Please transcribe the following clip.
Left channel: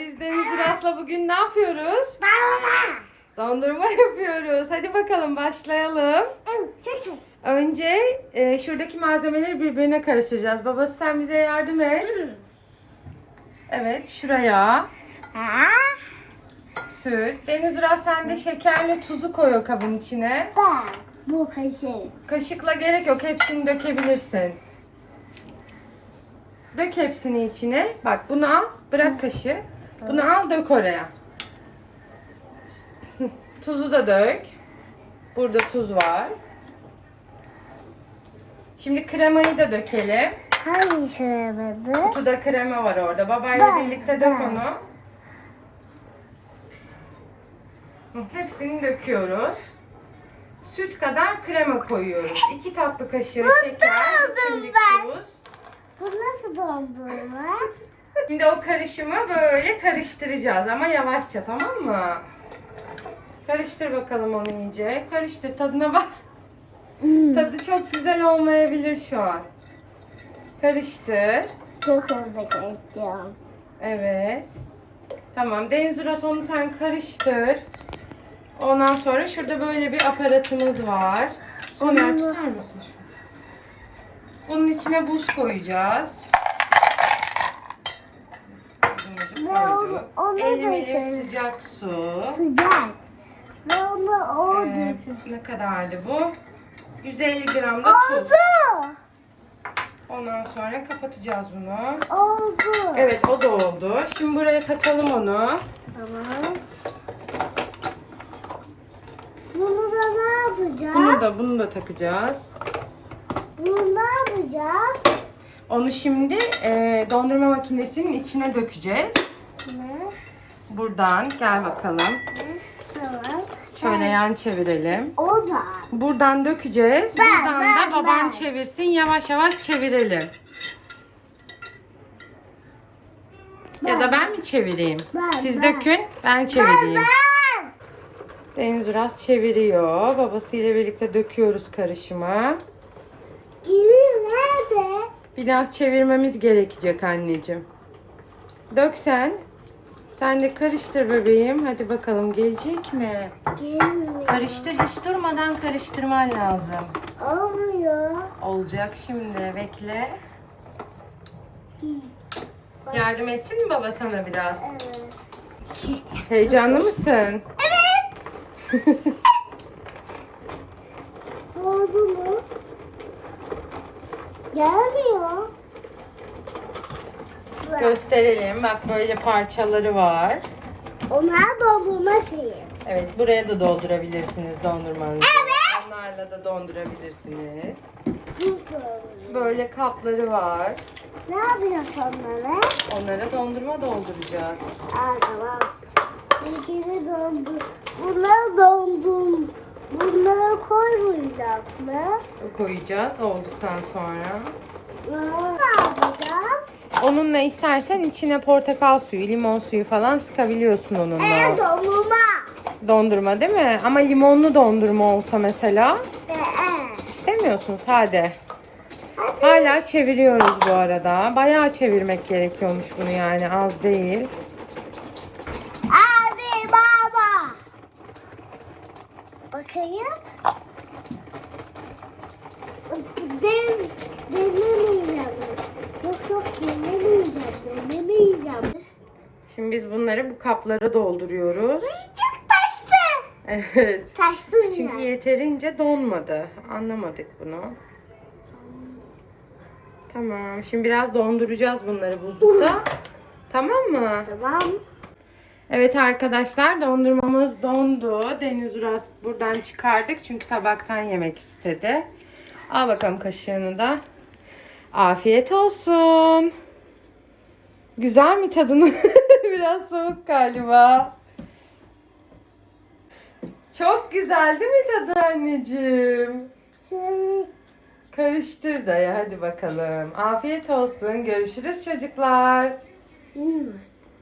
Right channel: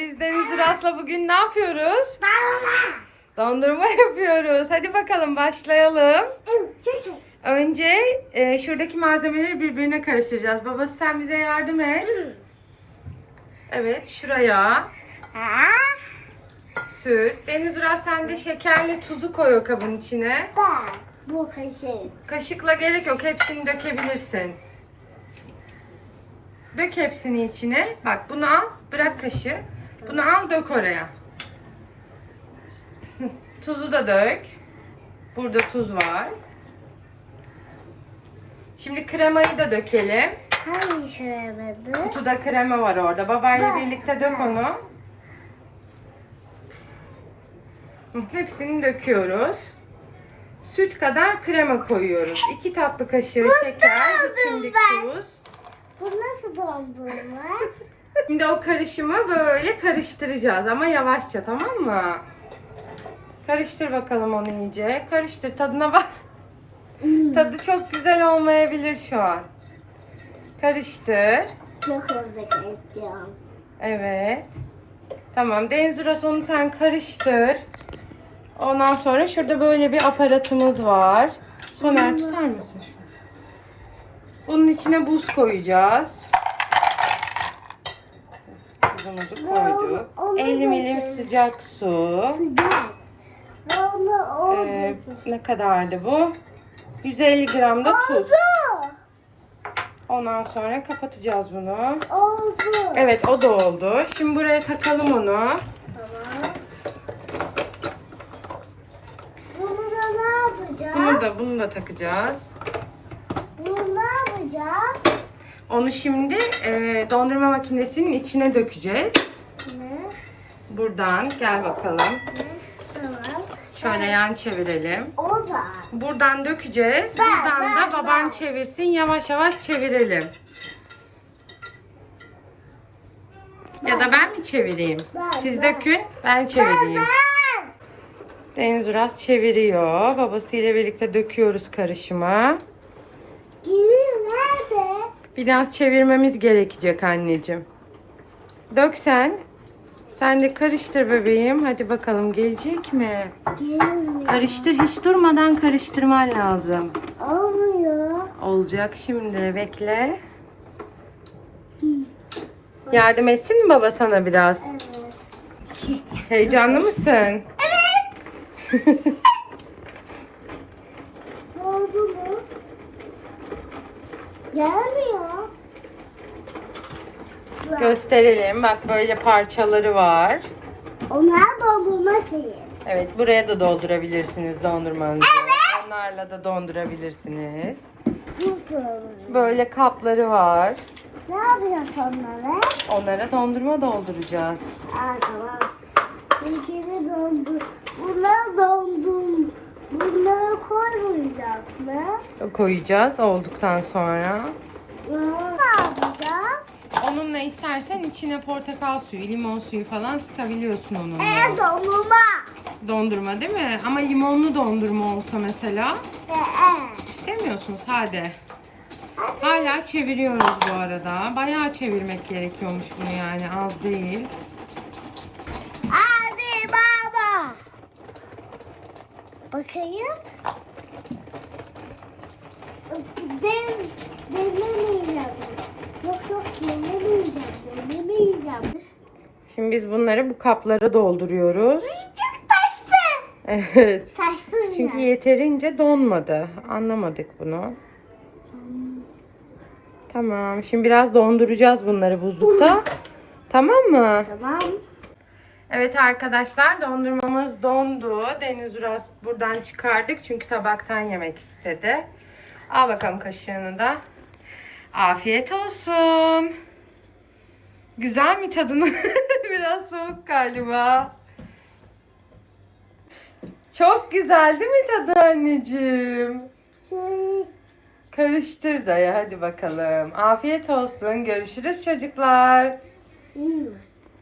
biz Deniz Uras'la bugün ne yapıyoruz? Balona. Dondurma yapıyoruz. Hadi bakalım başlayalım. Önce e, şuradaki malzemeleri birbirine karıştıracağız. Babası sen bize yardım et. Evet şuraya süt. Deniz Uras sen de şekerli tuzu koy o kabın içine. Bu kaşık. Kaşıkla gerek yok. Hepsini dökebilirsin. Dök hepsini içine. Bak bunu al. Bırak kaşığı. Bunu al dök oraya. Tuzu da dök. Burada tuz var. Şimdi kremayı da dökelim. Hangi şöyle Kutuda krema var orada. Babayla birlikte dök onu. Hepsini döküyoruz. Süt kadar krema koyuyoruz. 2 tatlı kaşığı şeker, içimlik ben. tuz. Bu nasıl dondurma? Şimdi o karışımı böyle karıştıracağız ama yavaşça tamam mı? Karıştır bakalım onu iyice. Karıştır tadına bak. Tadı çok güzel olmayabilir şu an. Karıştır. Çok hızlı kesiyorum. Evet. Tamam. Deniz Uras onu sen karıştır. Ondan sonra şurada böyle bir aparatımız var. Soner tutar mısın? Bunun içine buz koyacağız. Buzumuzu koyduk. Onu da 50 milim şöyle- sıcak su. Sıcak. Onu o Ee, ne kadardı bu? 150 gram da tuz. Oldu. Ondan sonra kapatacağız bunu. Oldu. Evet o da oldu. Şimdi buraya takalım onu. Tamam. Bunu da ne yapacağız? Bunu da bunu da takacağız. Bunu ne yapacağız? Onu şimdi e, dondurma makinesinin içine dökeceğiz. Ne? Buradan gel bakalım. Tamam. Şöyle yan çevirelim. O da. Buradan dökeceğiz. Ben, Buradan ben, da baban ben. çevirsin. Yavaş yavaş çevirelim. Ya da ben mi çevireyim? Ben, Siz ben. dökün, ben çevireyim. Ben. Deniz Uras çeviriyor. Babasıyla birlikte döküyoruz karışımı. Geliyor nerede? Biraz çevirmemiz gerekecek anneciğim. Dök sen. Sen de karıştır bebeğim. Hadi bakalım gelecek mi? Gelmiyor. Karıştır. Hiç durmadan karıştırman lazım. Olmuyor. Olacak şimdi. Bekle. Yardım etsin mi baba sana biraz? Evet. Heyecanlı mısın? Oldu mu? Gelmiyor. Gösterelim. Bak böyle parçaları var. Onlar dondurma şeyi. Evet buraya da doldurabilirsiniz dondurmanızı. Evet. Onlarla da dondurabilirsiniz. Böyle kapları var. Ne yapacağız onlara? Onlara dondurma dolduracağız. Aa tamam. Bir kere dondur. Bunları dondum. Bunları koymayacağız mı? Koyacağız olduktan sonra. Ne yapacağız? Onunla istersen içine portakal suyu, limon suyu falan sıkabiliyorsun onunla. Ee dondurma. Dondurma değil mi? Ama limonlu dondurma olsa mesela Ee. istemiyorsun sade. Hala çeviriyoruz bu arada. Bayağı çevirmek gerekiyormuş bunu yani az değil. Hadi baba. Bakayım. Ben denemeyeceğim. Yok yok denemeyeceğim. Denemeyeceğim. Şimdi biz bunları bu kaplara dolduruyoruz. Çok taştı. Evet. Taştı Çünkü ya. yeterince donmadı. Anlamadık bunu. Tamam. Şimdi biraz donduracağız bunları buzlukta. Tamam mı? Tamam. Evet arkadaşlar dondurmamız dondu. Deniz Uras buradan çıkardık çünkü tabaktan yemek istedi. Al bakalım kaşığını da. Afiyet olsun. Güzel mi tadını? Biraz soğuk galiba. Çok güzel değil mi tadı anneciğim? Şey, Karıştır da ya hadi bakalım. Afiyet olsun. Görüşürüz çocuklar.